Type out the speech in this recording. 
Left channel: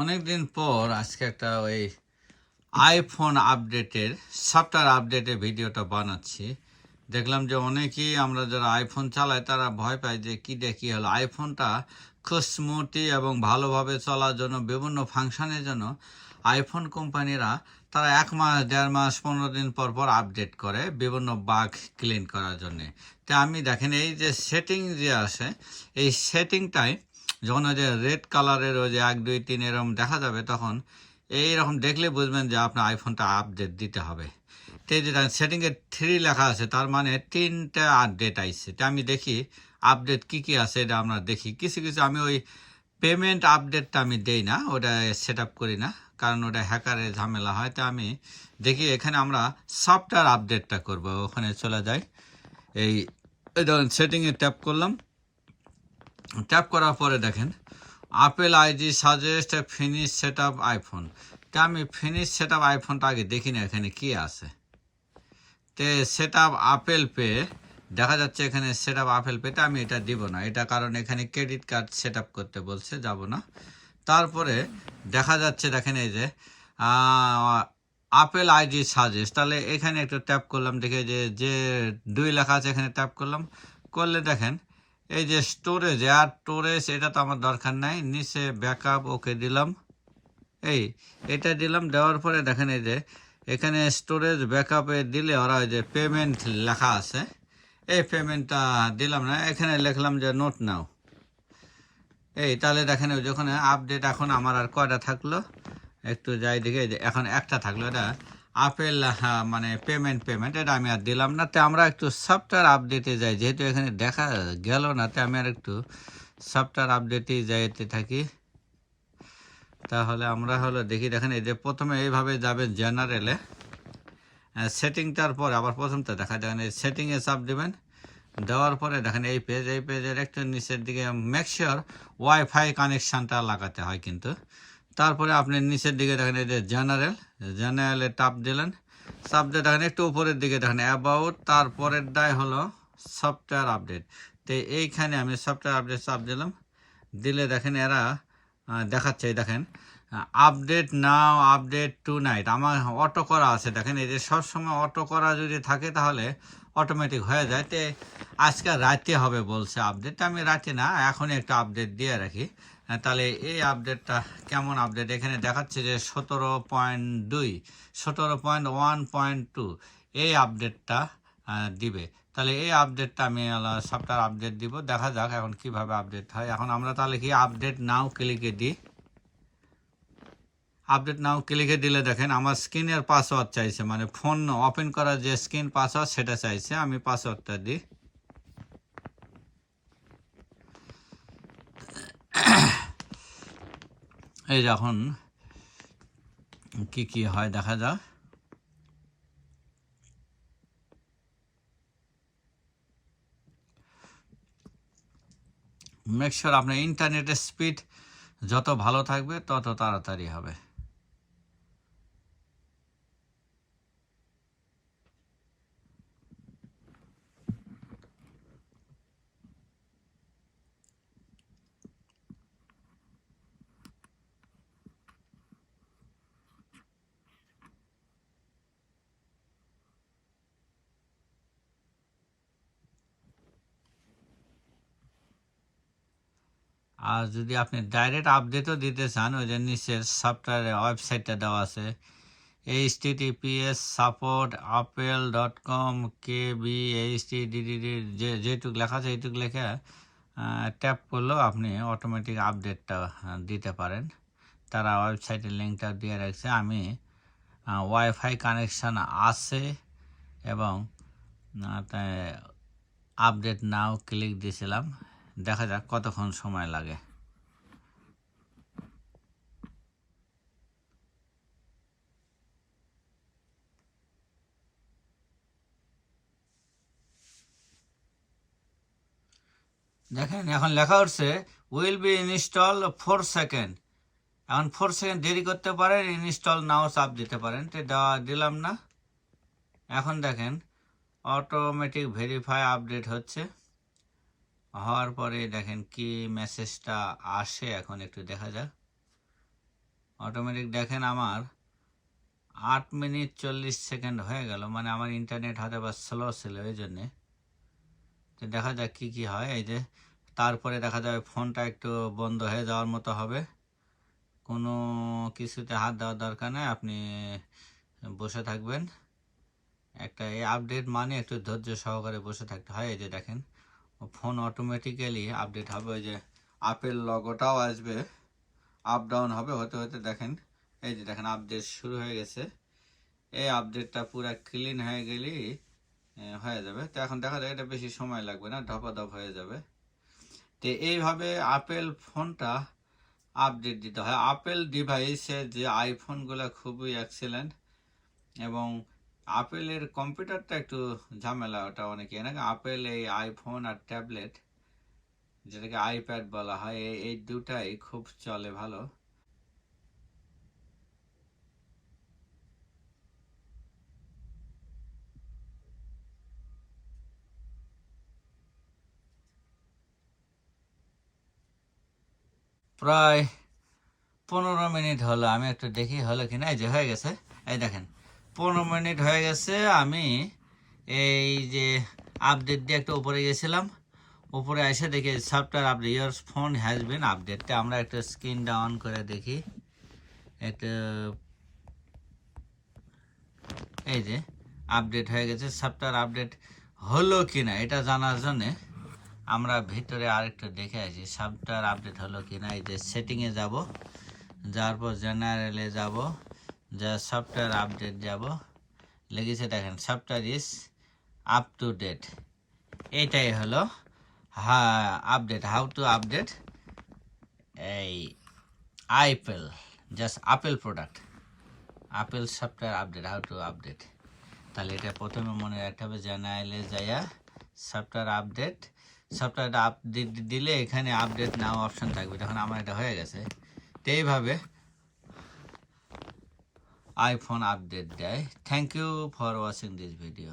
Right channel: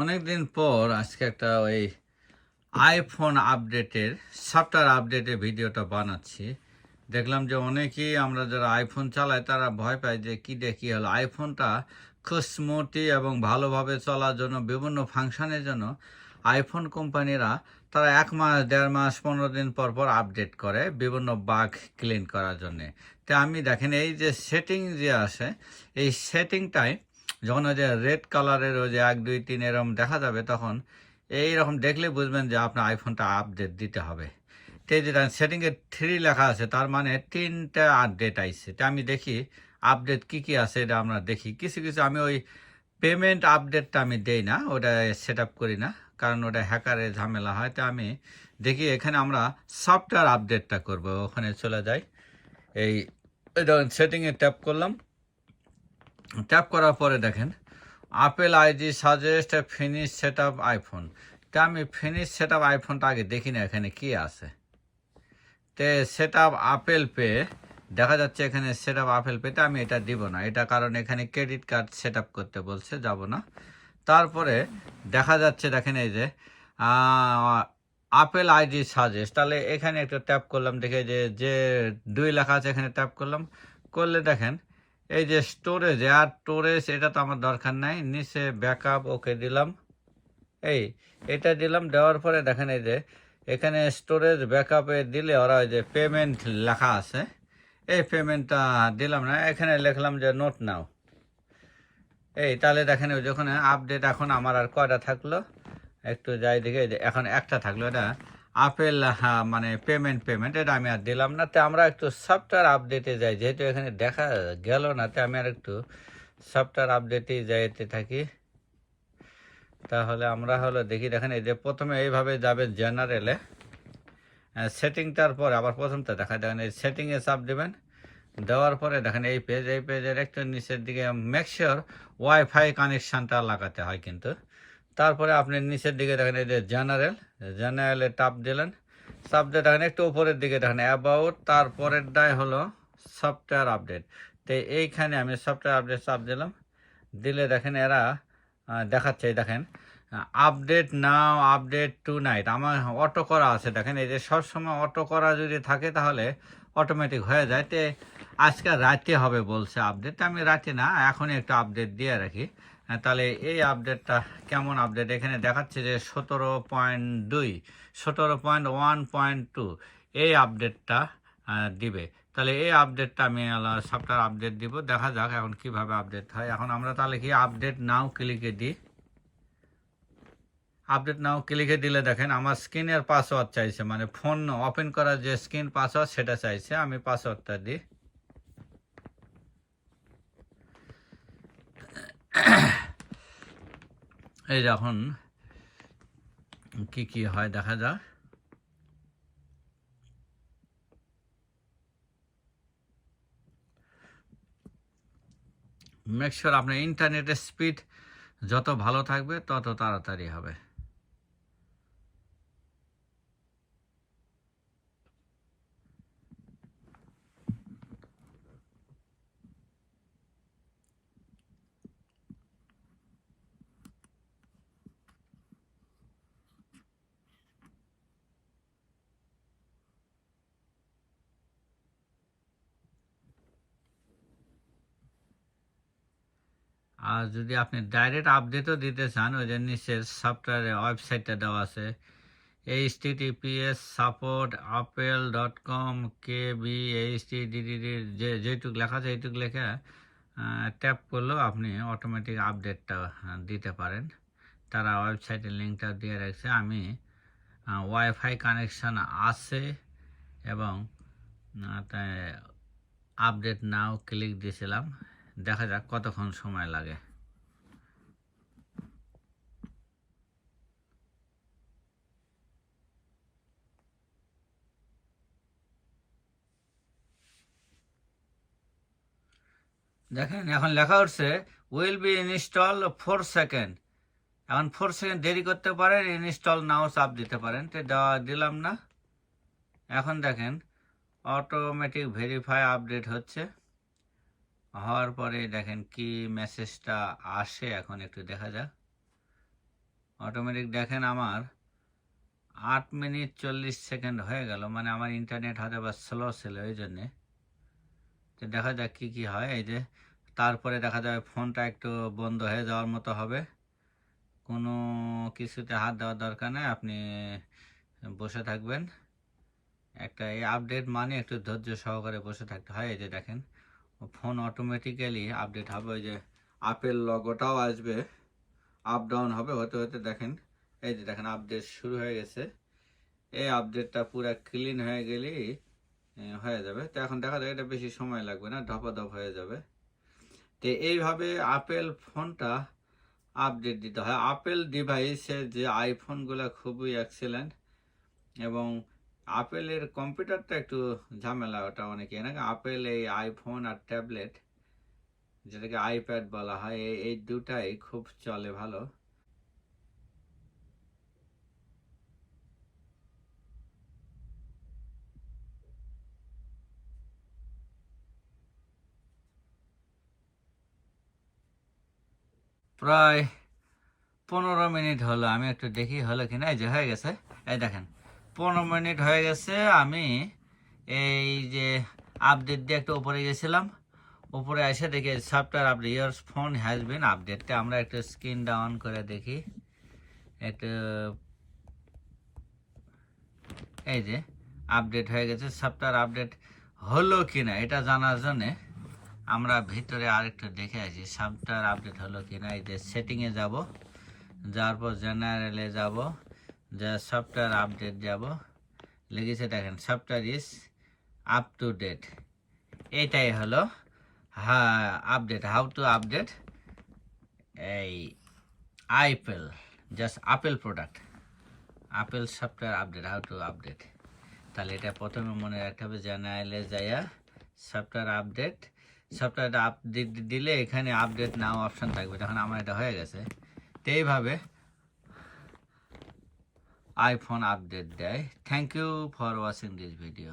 অনেক দিন পর আজকে একটা ওই আইফোন আপডেটের সফটওয়্যার আপডেটের ভিডিওটা বানাচ্ছি। দেখলাম যে অনেকেই আমরা যারা আইফোন চালাই তারা ভয় পায় যে কী হলো আইফোনটা খুব স্মুথলি এবং ভালোভাবে চলার জন্য বিভিন্ন ফাংশনের জন্য আইফোন কোম্পানিরা তারা 1 মাস 1.5 মাস 15 দিন পর পর আপডেট করে বিভিন্ন বাগ ক্লিন করার জন্যে। তো আমি দেখেন এই যে সেটিং যে আসে এই সেটিংটায় যখন ওই যে রেড কালারের ওই যে 1 2 3 এরকম দেখা যাবে তখন এইরকম দেখলে বুঝবেন যে আপনার আইফোনটা আপডেট দিতে হবে। তো এই যে সেটিংয়ে 3 লেখা আছে তার মানে 3টা আপডেট আইছে। তো আমি দেখি আপডেট কি আছে এটা আমরা দেখি। কিছু আমি ওই পেমেন্ট আপডেটটা আমি দেই না, ওটা সেট আপ করি না, কারণ ওটা হ্যাকারের ঝামেলা হয়। তো আমি দেখি এখানে আমরা সফটওয়্যার আপডেটটা করব। ওখানে চলে যাই, এই ধরুন সেটিংয়ে ট্যাপ করলাম। ট্যাপ করার পরে দেখেন apple IG suggest finish set up iPhone. তা আমি ফিনিশ সেট আপ আইফোনটা আগে দেখি না এখানে কি আছে। তে সেট আপ আপেল পে দেখা যাচ্ছে এখানে সেট আপ আপেল পেতে আমি এটা দিব না, এটা কারণ এখানে ক্রেডিট কার্ড সেট আপ করতে বলছে, যাব না। তারপরে দেখা যাচ্ছে দেখেন এই যে আপেল আইডি সাজেস্ট, তাহলে এখানে একটু ট্যাপ করলাম, দেখে যে 2 লেখা আছে এখানে ট্যাপ করলাম। করলে দেখেন এই যে স্টোরেজ আর স্টোরেজ, এটা তো আমার দরকার নাই। নিচে ব্যাকআপ ওকে দিলাম, এটা দিলাম। দেওয়ার পরে দেখেন এই যে এখানে স্টোরেজ ব্যাকআপে দিলে ওরা ওই যে পেমেন্ট লেখা আছে, এই পেমেন্টটা দিলাম না, এখানে লিখলাম যে নোট নাও। তাহলে দেখেন ওই যখন আপডেট এখন আমার আর কয়টা থাকলো একটু যাই দিকে, এখন একটা থাকলো, এটা আপেল মানে পেমেন্ট এটা আমি আর দিলাম না। তো আমরা একটু সফটওয়্যার আপডেটে যাই, যেহেতু এখানে দেখা গেল না, তো আমি আর একটু সফটওয়্যার আপডেটে যাইতে থাকি। তাহলে আমরা হলো দেখি, দেখেন এই যে প্রথমে এইভাবে যাবে জেনারেলে, সেটিংটার পরে আবার প্রথমটা দেখা, দেখেন এই সেটিংয়ে চাপ দেবেন। দেওয়ার পরে দেখেন এই পেজের একটু নিচের দিকে মেক শিওর ওয়াইফাই কানেকশানটা লাগাতে হয় কিন্তু। তারপরে আপনি নিচের দিকে দেখেন এই যে জেনারেলে টাপ দিলেন। চাপ দিয়ে দেখেন একটু উপরের দিকে দেখেন অ্যাবাউট, তারপরের দায় হলো সফটওয়্যার আপডেট। তো এইখানে আমি সফটওয়্যার আপডেট চাপ দিলাম। দিলে দেখেন এরা দেখাচ্ছে, দেখেন update now, update tonight, আমার অটো করা আছে। দেখেন এই যে সবসময় অটো করা যদি থাকে তাহলে অটোমেটিক হয়ে যায়। তো আজকে রাতে হবে বলছে আপডেট, আমি রাতে না এখনই একটা আপডেট দিয়ে রাখি। তাহলে এই আপডেটটা কেমন আপডেট এখানে দেখাচ্ছে যে 17.2 17.1.2 এই আপডেটটা দিবে। তাহলে এই আপডেটটা আমি সফটওয়্যার আপডেট দিব, দেখা যাক এখন কিভাবে আপডেট হয়। এখন আমরা তাহলে কি আপডেট নাও ক্লিকে দিই। আপডেট নাও ক্লিকে দিলে দেখেন আমার স্ক্রিনের পাসওয়ার্ড চাইছে, মানে ফোন ওপেন করার যে স্ক্রিন পাসওয়ার্ড সেটা চাইছে, আমি পাসওয়ার্ডটা দিই। এই যখন কি হয় দেখা যাক। মেক শিওর আপনার ইন্টারনেটের স্পিড যত ভালো থাকবে তত তাড়াতাড়ি হবে। আর যদি আপনি ডাইরেক্ট আপডেটও দিতে চান, ওই যে নিচের সফটওয়্যারের ওয়েবসাইটটা দেওয়া আছে https://support@apple.com kbhtdd, যেটুক লেখা আছে এইটুক লেখা ট্যাপ করলেও আপনি অটোমেটিক আপডেটটা দিতে পারেন। তারা ওয়েবসাইটের লিঙ্কটা দিয়ে রাখছে। আমি ওয়াইফাই কানেকশান আছে এবং আপডেট নাও ক্লিক দিয়েছিলাম, দেখা যাক কতক্ষণ সময় লাগে। দেখেন এখন লেখা উঠছে উইল বি ইনস্টল 4 সেকেন্ড। এখন 4 সেকেন্ড দেরি করতে পারেন, ইনস্টল নাও চাপ দিতে পারেন। তো দিলাম না। এখন দেখেন অটোমেটিক ভেরিফাই আপডেট হচ্ছে। হওয়ার পরে দেখেন কি মেসেজটা আসে, এখন একটু দেখা যাক। অটোমেটিক দেখেন আমার 8 মিনিট 40 সেকেন্ড হয়ে গেল, মানে আমার ইন্টারনেট হয়তো বা স্লো ছিল এই জন্যে। তো দেখা যাক কী কী হয়। এই যে তারপরে দেখা যাবে ফোনটা একটু বন্ধ হয়ে যাওয়ার মতো হবে, কোনো কিছুতে হাত দেওয়ার দরকার নেই, আপনি বসে থাকবেন। একটা এই আপডেট মানে একটু ধৈর্য সহকারে বসে থাকতে হয়। এই যে দেখেন ফোন অটোমেটিক্যালি আপডেট হবে, ওই যে আপেল লগোটাও আসবে, আপ ডাউন হবে হতে হতে। দেখেন এই যে দেখেন আপডেট শুরু হয়ে গেছে। এই আপডেটটা পুরো ক্লিন হয়ে গেলেই হয়ে যাবে। তো এখন দেখা যায় এটা বেশি সময় লাগবে না, ধপাধপ হয়ে যাবে। তো এইভাবে আপেল ফোনটা আপডেট দিতে হয়। আপেল ডিভাইসের যে আইফোনগুলো খুবই এক্সেলেন্ট, এবং আপেলের কম্পিউটারটা একটু ঝামেলা, ওটা অনেকে নাকি আপেল এই আইফোন আর ট্যাবলেট যেটাকে আইপ্যাড বলা হয়, এই দুটাই খুব চলে ভালো। প্রায় 15 মিনিট হলো, আমি একটু দেখি হলো কিনা। এই যে হয়ে গেছে, এই দেখেন 15 মিনিট হয়ে গেছে। আমি এই যে আপডেট দিয়ে একটু উপরে গেছিলাম, উপরে এসে দেখি software update, your phone has been আপডেটটা আমরা একটু স্ক্রিন ডাউন করে দেখি একটু। এই যে আপডেট হয়ে গেছে, সফটওয়্যার আপডেট হলো কিনা এটা জানার জন্যে আমরা ভিতরে আরেকটু দেখে আসি সফটওয়্যার আপডেট হলো কিনা। এই যে সেটিংয়ে যাব, যাওয়ার পর জেনারেলে যাব, যা সফটওয়্যার আপডেট যাব, লেগেছে দেখেন software is up to date. এইটাই হলো হ্যাঁ আপডেট, হাউ টু আপডেট এই Apple, just Apple product, Apple software update, how to update. তাহলে এটা প্রথমে মনে রাখতে হবে, জেনারেলে যাইয়া সফটওয়্যার আপডেট, সফটওয়্যারটা আপডেট দিলে এখানে আপডেট নাও অপশন থাকবে, তখন আমার এটা হয়ে গেছে। তো এইভাবে iPhone update দেয়। Thank you for watching this video.